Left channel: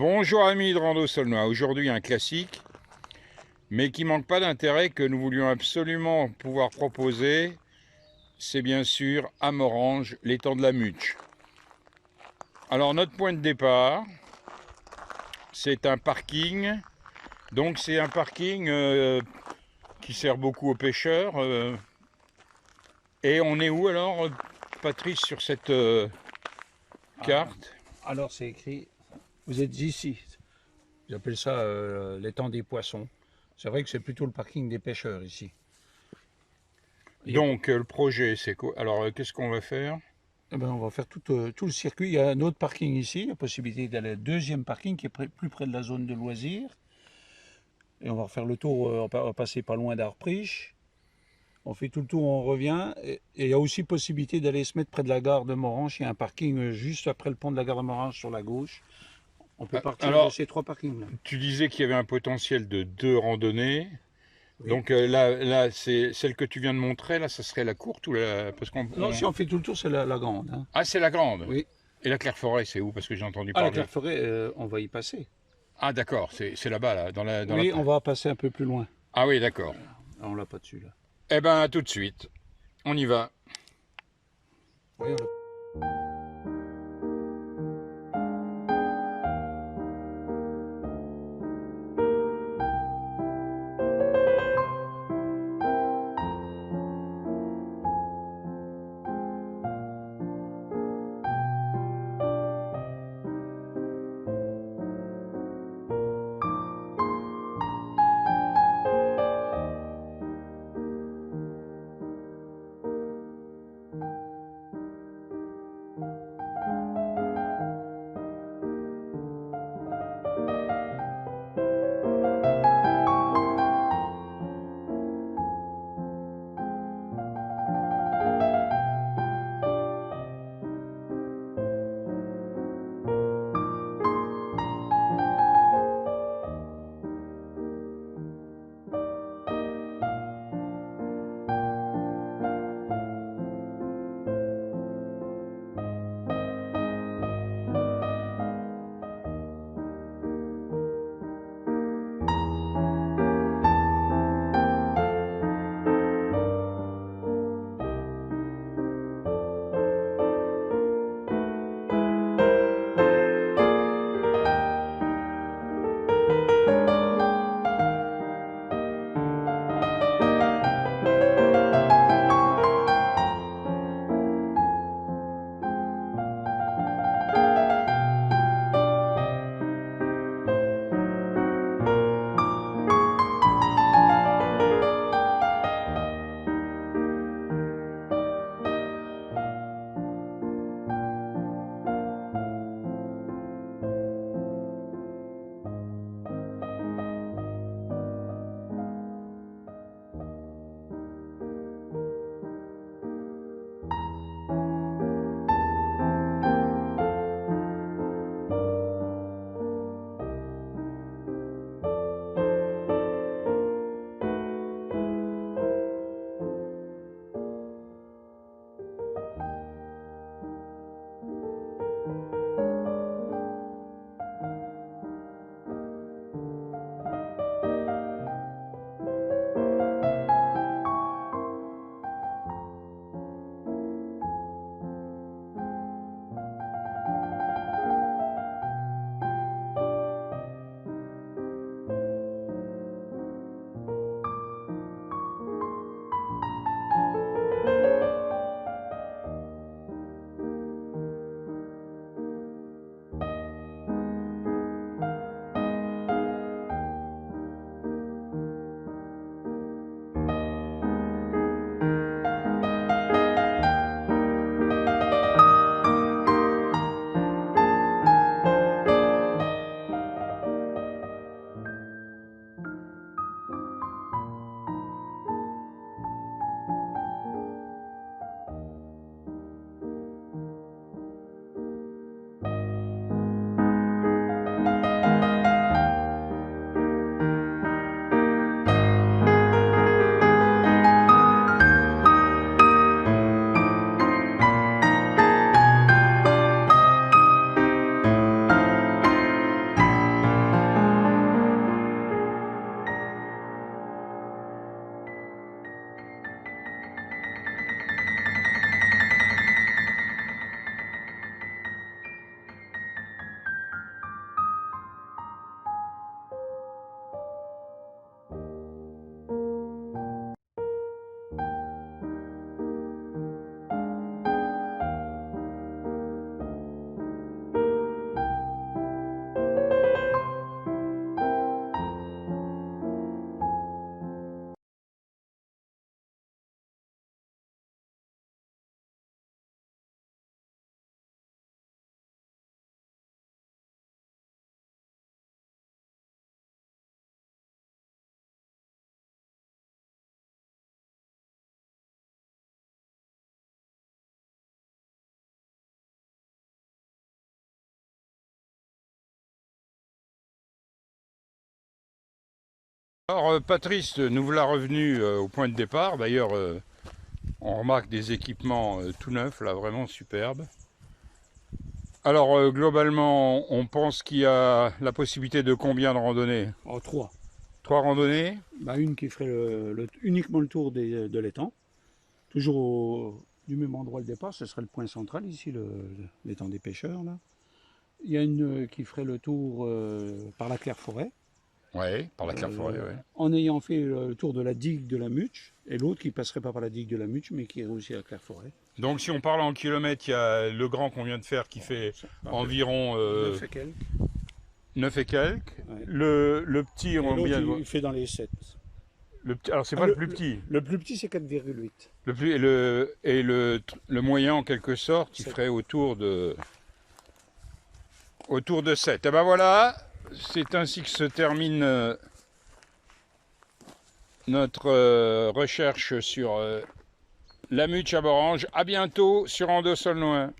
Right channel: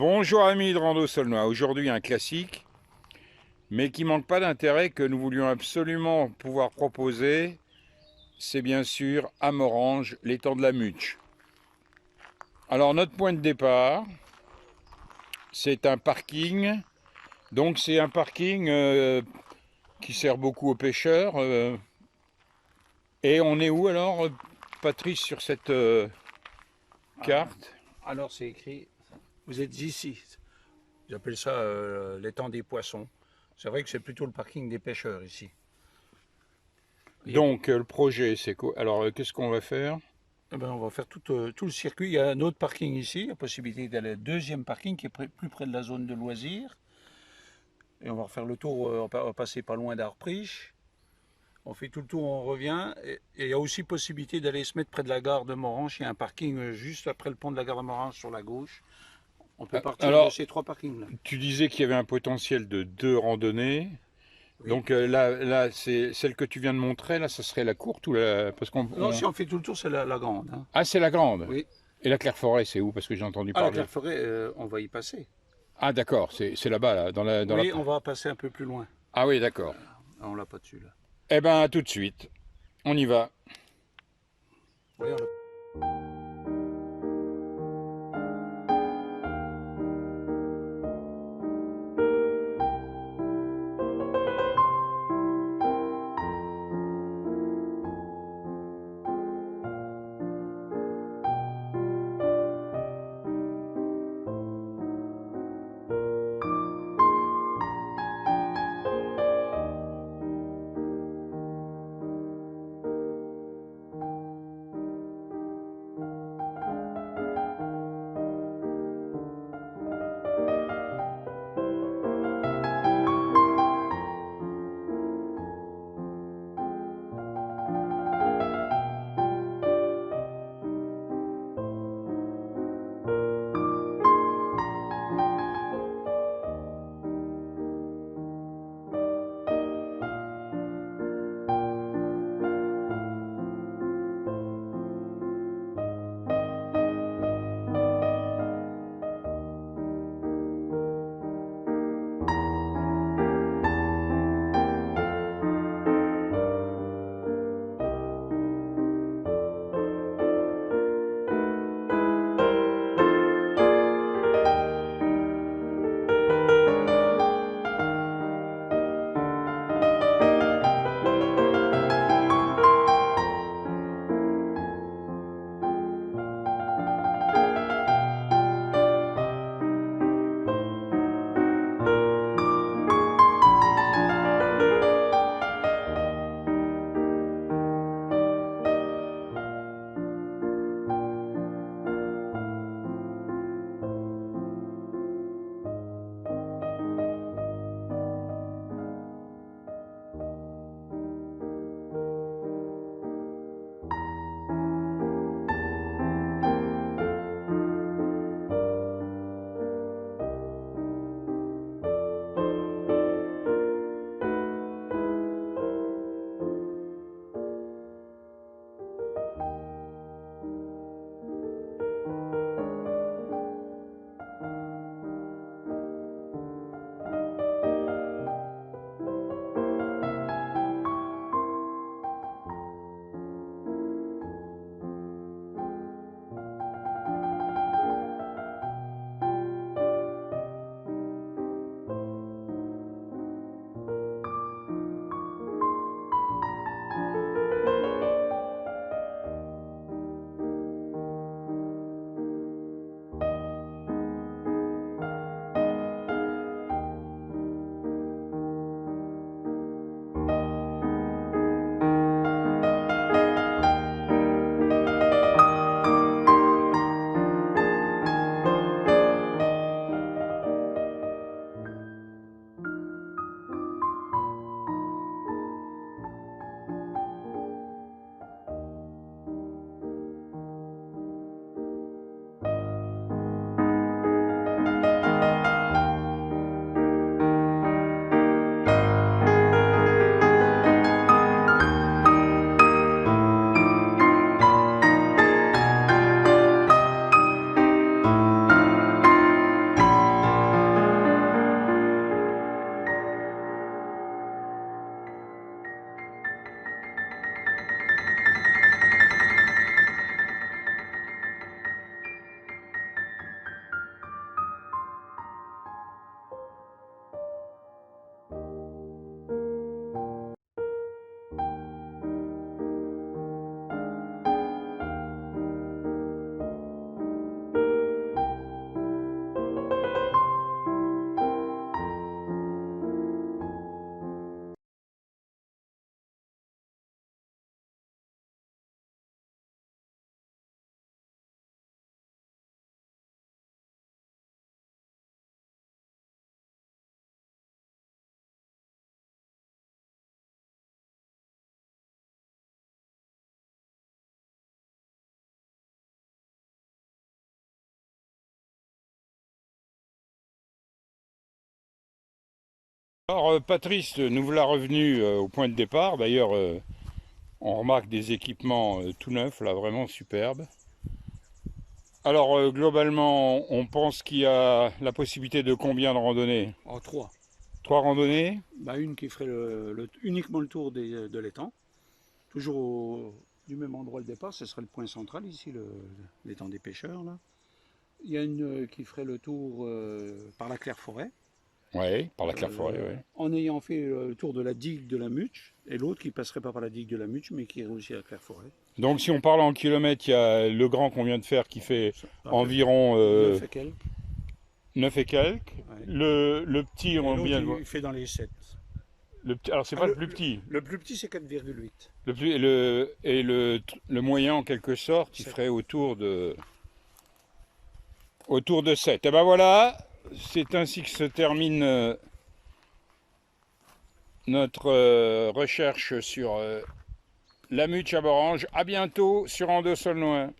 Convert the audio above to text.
Bonjour amis de Rando Saulnois, aujourd'hui un classique, mais qui manque pas d'intérêt que nous voulions absolument pouvoir proposer, c'est bien sûr à Morhange, l'étang de la Muche. Alors notre point de départ, c'est un parking, donc c'est un parking qui sert beaucoup aux pêcheurs. Et on est où alors, Patrice, sur cette Ah, carte? alors c'est écrit, vous êtes ici. J'appelle ça l'étang des poissons. C'est vrai que c'est plutôt le parking des pêcheurs ici. Il y a Donc le projet, c'est quoi? Alors qu'est-ce qu'on va faire? eh ben, on va faire tout le circuit. Il y a un autre parking ici, la possibilité d'aller au deuxième parking qui est plus près de la zone de loisirs. Et on va refaire le tour, on va passer pas loin d'Arpriche. On fait tout le tour, on revient. Et il y a aussi possibilité d'aller se mettre près de la gare de Morhange. Il y a un parking juste après le pont de la gare de Morhange sur la gauche. On peut partir de Alors, ces trois parkings-là. tu disais qu'il y avait un potentiel de 2 randonnées. Oui. Donc là, c'est celle que tu viens de montrer, là, ça serait la courte ou la... Parce Non, si on fait tout le tour, c'est la grande, hein. Ah, c'est la grande. Oui. Et la Claire-Forêt, c'est où? Parce que j'ai entendu Ah, la parler. Claireforêt, on va y passer. Ah, d'accord, c'est là-bas, là, dans la... Oui, on va passer un peu plus loin. Ah oui, d'accord. Ah, on l'a pas dessus, là. Eh ben, à tout de suite. On y va. Oui, Alors Patrice nous voilà revenu au point de départ. D'ailleurs, on remarque des équipements tout neufs, là, vraiment superbes. Alors globalement, on pense qu'il y a la possibilité de combien de randonnées? Oh, 3. 3 randonnées? Bah, une qui ferait uniquement le tour de l'étang. Toujours du même endroit le départ, ce serait le point central ici, l'étang des pêcheurs. Là. Il y a une qui ferait le tour par la Claire-Forêt. Oui, par la Claire-Forêt, oui. En ayant fait le tour de la digue de la Muche, et l'autre qui passerait pas par la digue de la Muche, mais qui irait aussi à la Claire-Forêt. Donc si on parle en kilomètres, il y a le grand qu'on vient de faire qui fait environ 9 et quelques. 9 et quelques. Ouais. Le petit, on vient de voir. Il fait dans les 7. Alors c'est pas le plus petit. Le plus petit, c'est 4,8. Le moyen, en quelque sorte, il 7. ferait autour de 7. Et ben voilà, c'est ainsi que se termine notre recherche sur la Muche à Morange. À bientôt sur Ando Saulnois.